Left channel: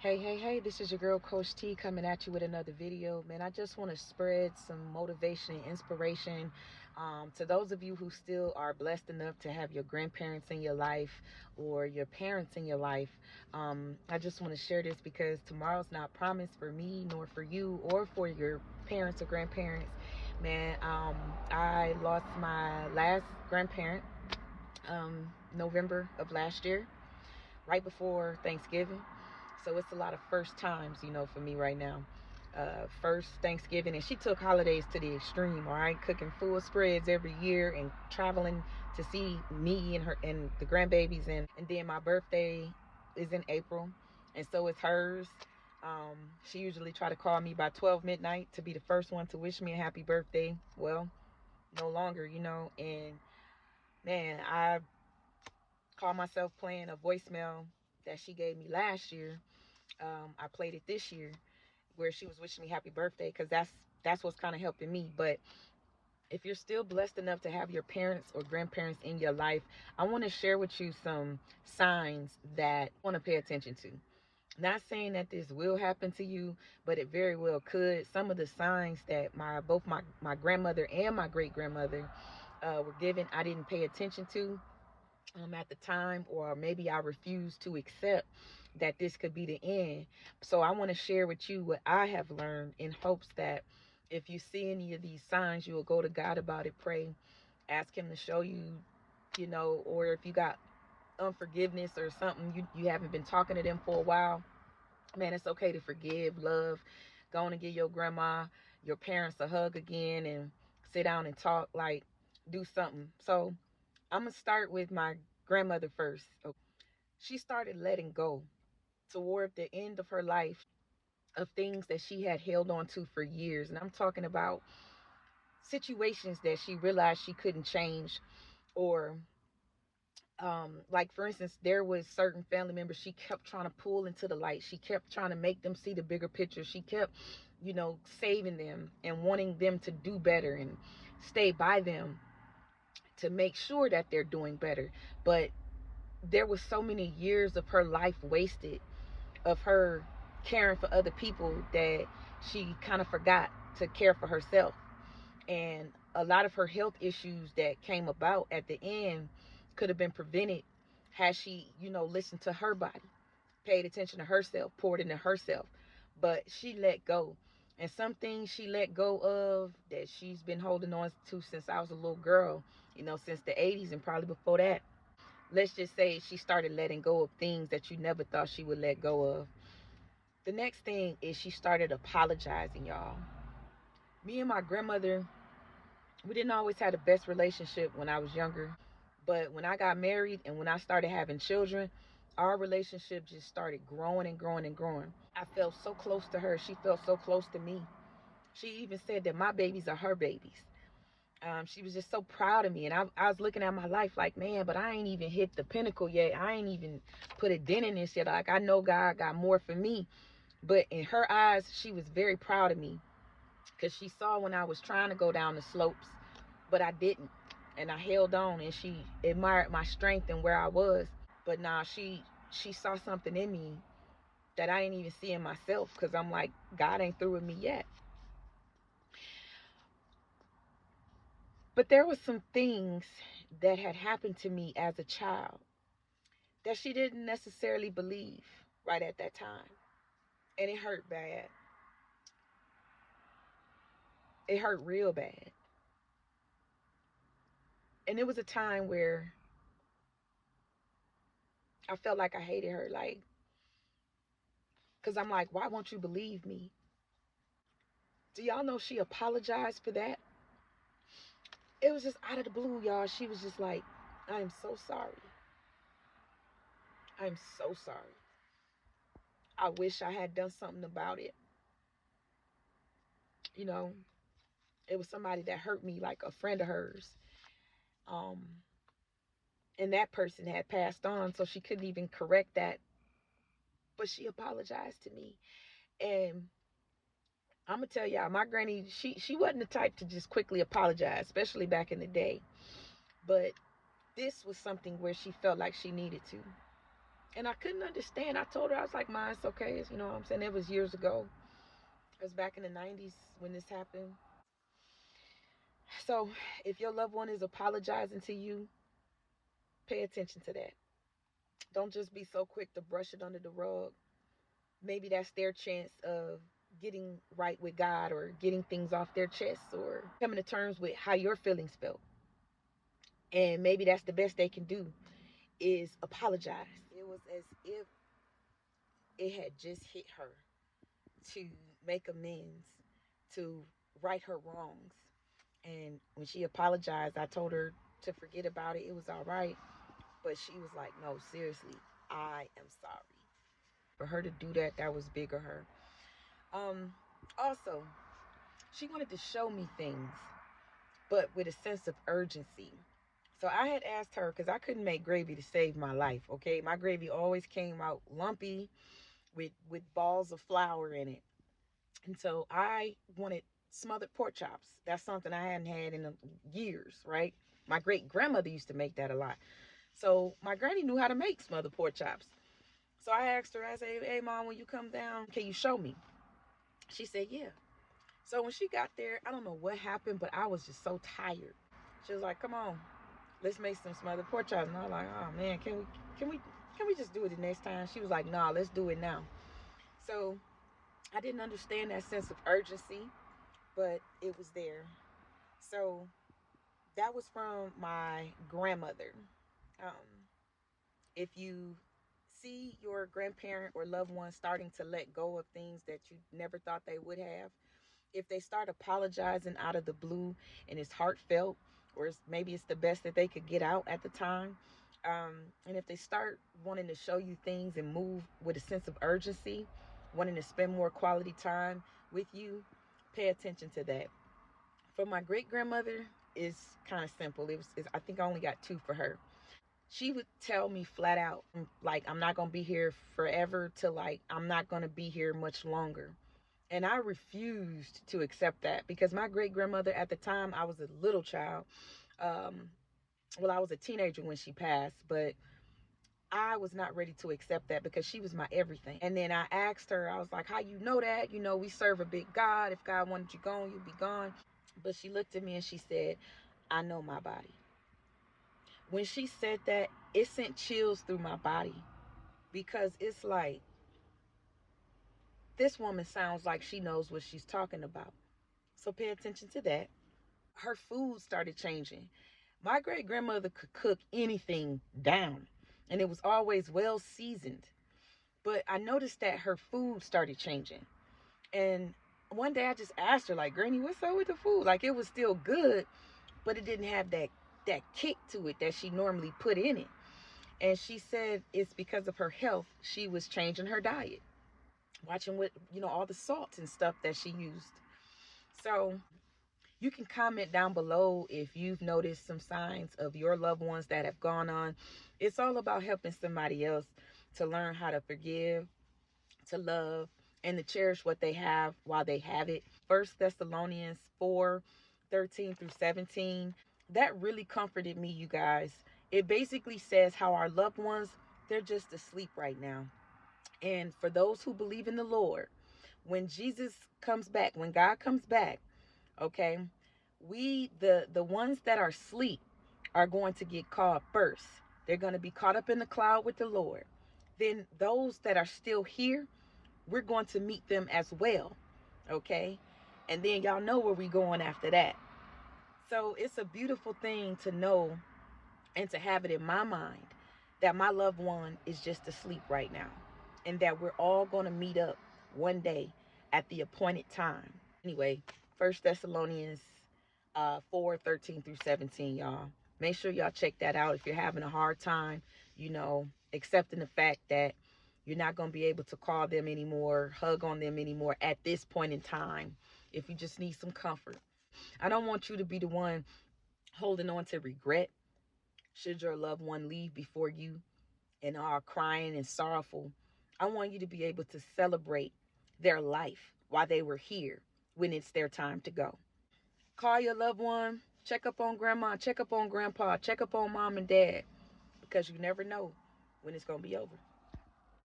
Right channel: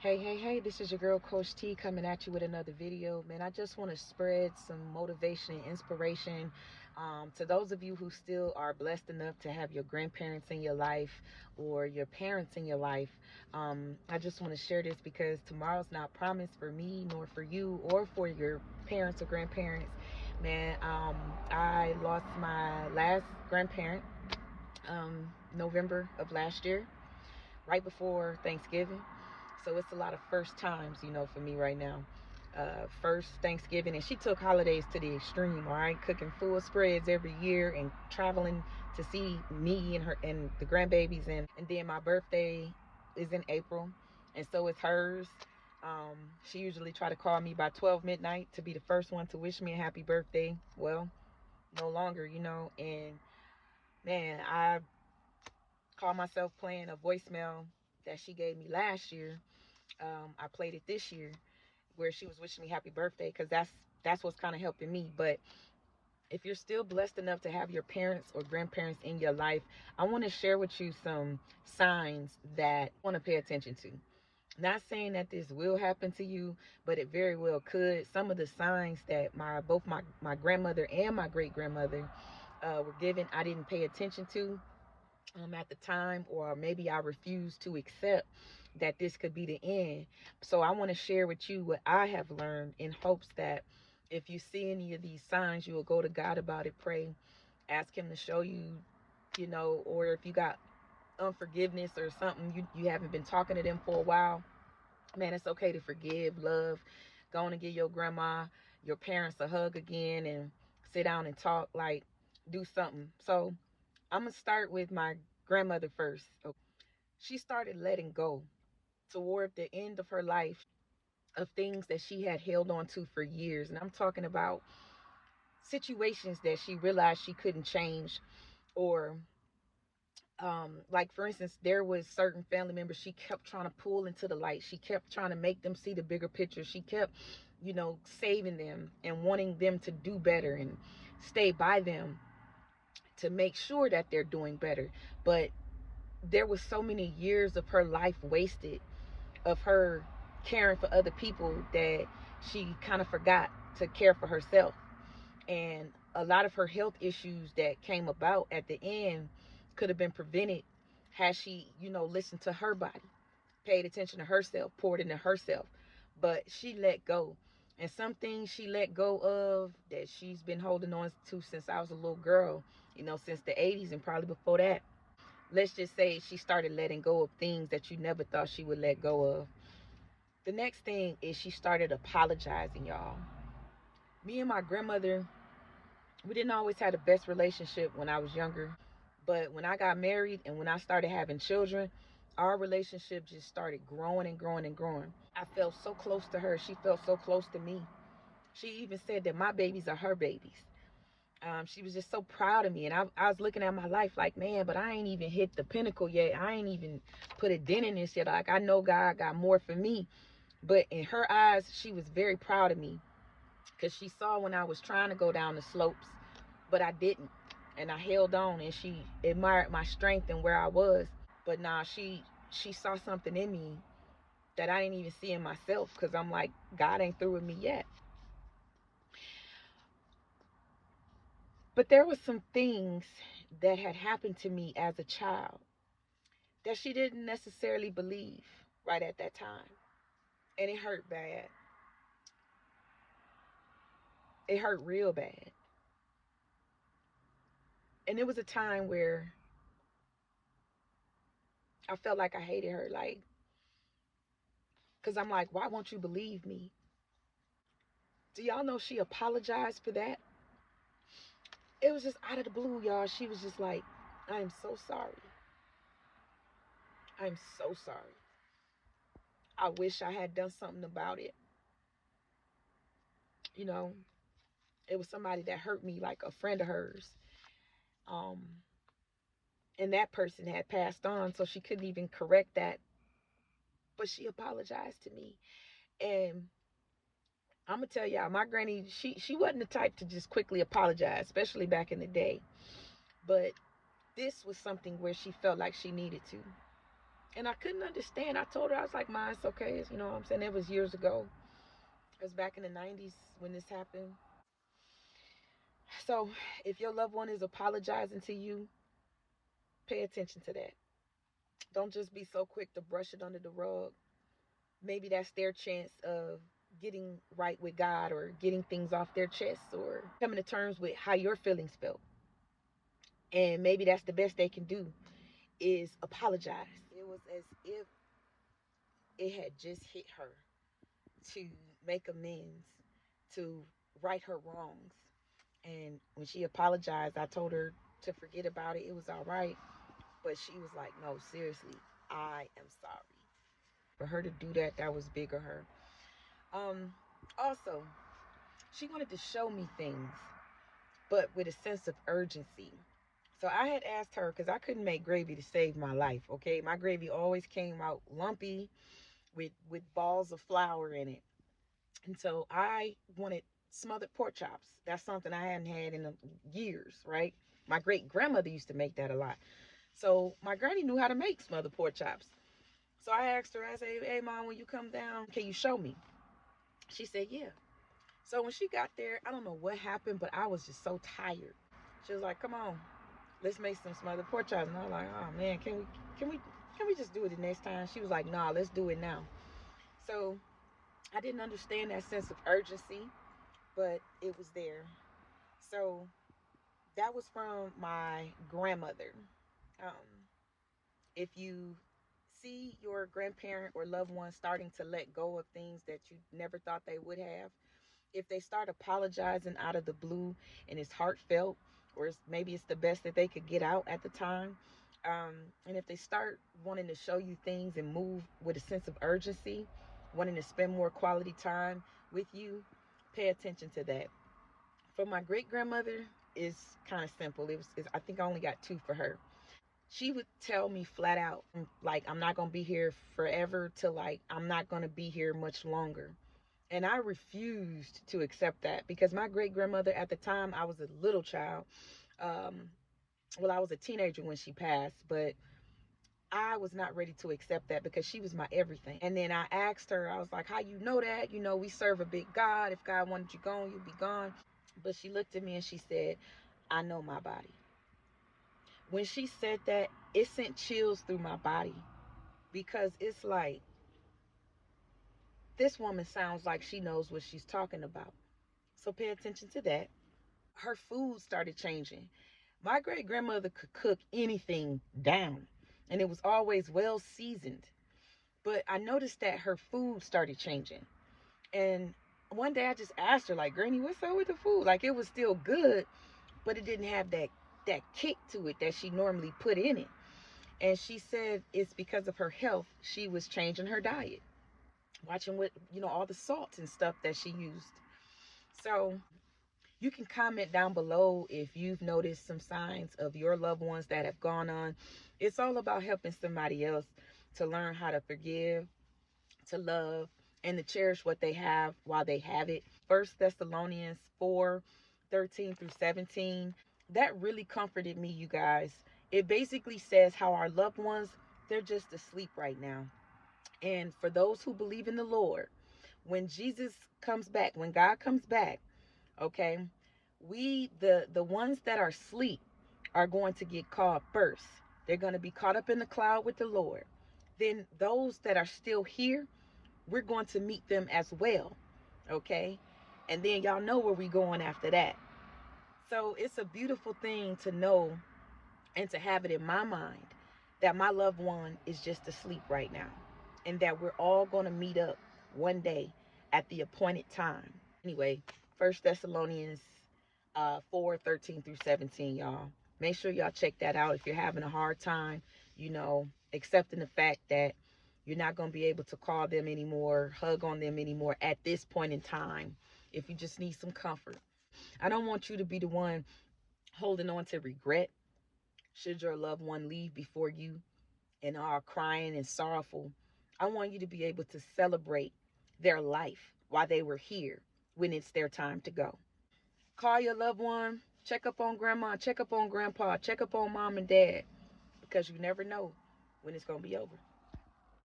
Hey, this is your girl Coach T coming at you with another video. Man, I just want to spread some motivation and inspiration to those of you who still are blessed enough to have your grandparents in your life or your parents in your life. I just want to share this because tomorrow's not promised for me nor for you or for your parents or grandparents. Man, I lost my last grandparent November of last year, right before Thanksgiving. So it's a lot of first times, for me right now. First Thanksgiving, and she took holidays to the extreme. All right, cooking full spreads every year and traveling to see me and her and the grandbabies, and then my birthday is in April, and so is hers. She usually try to call me by 12 midnight to be the first one to wish me a happy birthday. Well, no longer, and man, I call myself playing a voicemail that she gave me last year. I played it this year where she was wishing me happy birthday because that's what's kind of helping me. But if you're still blessed enough to have your parents or grandparents in your life, I want to share with you some signs that you want to pay attention to. Not saying that this will happen to you, but it very well could. Some of the signs that both my grandmother and my great grandmother were given, I didn't pay attention to at the time, or maybe I refuse to accept that this could be the end. So I want to share with you what I have learned in hopes that if you see any of these signs, you will go to God about it, pray, ask Him to show you, or if you got unforgiveness or something, you haven't been talking to them for a while, man, it's okay to forgive, love. Go on and give your grandma, your parents a hug again and sit down and talk, like do something. So I'm going to start with my grandmother first. She started letting go toward the end of her life of things that she had held on to for years. And I'm talking about situations that she realized she couldn't change, or like for instance, there was certain family members she kept trying to pull into the light. She kept trying to make them see the bigger picture. She kept, saving them and wanting them to do better and stay by them to make sure that they're doing better. But there was so many years of her life wasted of her caring for other people that she kind of forgot to care for herself. And a lot of her health issues that came about at the end could have been prevented had she, listened to her body, paid attention to herself, poured into herself. But she let go. And some things she let go of that she's been holding on to since I was a little girl, since the 80s and probably before that. Let's just say she started letting go of things that you never thought she would let go of. The next thing is she started apologizing, y'all. Me and my grandmother, we didn't always have the best relationship when I was younger. But when I got married and when I started having children, our relationship just started growing and growing and growing. I felt so close to her. She felt so close to me. She even said that my babies are her babies. She was just so proud of me. And I was looking at my life like, man, but I ain't even hit the pinnacle yet. I ain't even put a dent in this yet. Like, I know God got more for me. But in her eyes, she was very proud of me because she saw when I was trying to go down the slopes, but I didn't. And I held on, and she admired my strength and where I was. But now she saw something in me that I didn't even see in myself, because I'm like, God ain't through with me yet. But there was some things that had happened to me as a child that she didn't necessarily believe right at that time. And it hurt bad. It hurt real bad. And it was a time where I felt like I hated her, like, because I'm like, why won't you believe me? Do y'all know she apologized for that? It was just out of the blue, y'all. She was just like, I'm so sorry. I'm so sorry. I wish I had done something about it. You know, it was somebody that hurt me, like a friend of hers. Um, and that person had passed on, so she couldn't even correct that. But she apologized to me. And I'm gonna tell y'all, my granny, she wasn't the type to just quickly apologize, especially back in the day. But this was something where she felt like she needed to. And I couldn't understand. I told her, I was like, Ma, it's okay. It's, you know what I'm saying? It was years ago. It was back in the 90s when this happened. So if your loved one is apologizing to you, pay attention to that. Don't just be so quick to brush it under the rug. Maybe that's their chance of getting right with God or getting things off their chest or coming to terms with how your feelings felt. And maybe that's the best they can do is apologize. It was as if it had just hit her to make amends, to right her wrongs. And when she apologized, I told her to forget about it. It was all right. But she was like, no, seriously, I am sorry. For her to do that, that was big of her. Also, she wanted to show me things, but with a sense of urgency. So I had asked her, because I couldn't make gravy to save my life, okay? My gravy always came out lumpy with balls of flour in it. And so I wanted smothered pork chops. That's something I hadn't had in years, right? My great grandmother used to make that a lot. So my granny knew how to make smothered pork chops. So I asked her, I said, hey, Mom, when you come down, can you show me? She said, yeah. So when she got there, I don't know what happened, but I was just so tired. She was like, come on, let's make some smothered pork chops. And I was like, oh man, can we just do it the next time? She was like, nah, let's do it now. So I didn't understand that sense of urgency, but it was there. So that was from my grandmother. Um, if you see your grandparent or loved one starting to let go of things that you never thought they would have, if they start apologizing out of the blue and it's heartfelt, or maybe it's the best that they could get out at the time, and if they start wanting to show you things and move with a sense of urgency, wanting to spend more quality time with you, pay attention to that. For my great grandmother, it's kind of simple. I think I only got two for her. She would tell me flat out, like, I'm not gonna be here forever, to like, I'm not gonna be here much longer. And I refused to accept that because my great grandmother, at the time, I was a little child. Um, well, I was a teenager when she passed, but I was not ready to accept that because she was my everything. And then I asked her, I was like, how you know that? You know, we serve a big God. If God wanted you gone, you'd be gone. But she looked at me and she said, I know my body. When she said that, it sent chills through my body because it's like, this woman sounds like she knows what she's talking about. So pay attention to that. Her food started changing. My great grandmother could cook anything down, and it was always well seasoned. But I noticed that her food started changing. And one day I just asked her, like, Granny, what's up with the food? Like, it was still good, but it didn't have that kick to it that she normally put in it. And she said it's because of her health. She was changing her diet, watching what, all the salts and stuff that she used. So you can comment down below if you've noticed some signs of your loved ones that have gone on. It's all about helping somebody else to learn how to forgive, to love, and to cherish what they have while they have it. 1 Thessalonians 4:13-17. That really comforted me, you guys. It basically says how our loved ones, they're just asleep right now. And for those who believe in the Lord, when Jesus comes back, when God comes back, okay, we the ones that are asleep are going to get called first. They're going to be caught up in the cloud with the Lord. Then those that are still here, we're going to meet them as well, okay? And then y'all know where we going after that. So it's a beautiful thing to know and to have it in my mind that my loved one is just asleep right now, and that we're all going to meet up one day at the appointed time. Anyway, 1 Thessalonians 4:13-17, y'all. Make sure y'all check that out if you're having a hard time, accepting the fact that you're not going to be able to call them anymore, hug on them anymore at this point in time. If you just need some comfort, I don't want you to be the one holding on to regret should your loved one leave before you and are crying and sorrowful. I want you to be able to celebrate their life while they were here when it's their time to go. Call your loved one, check up on grandma, check up on grandpa, check up on mom and dad, because you never know when it's going to be over.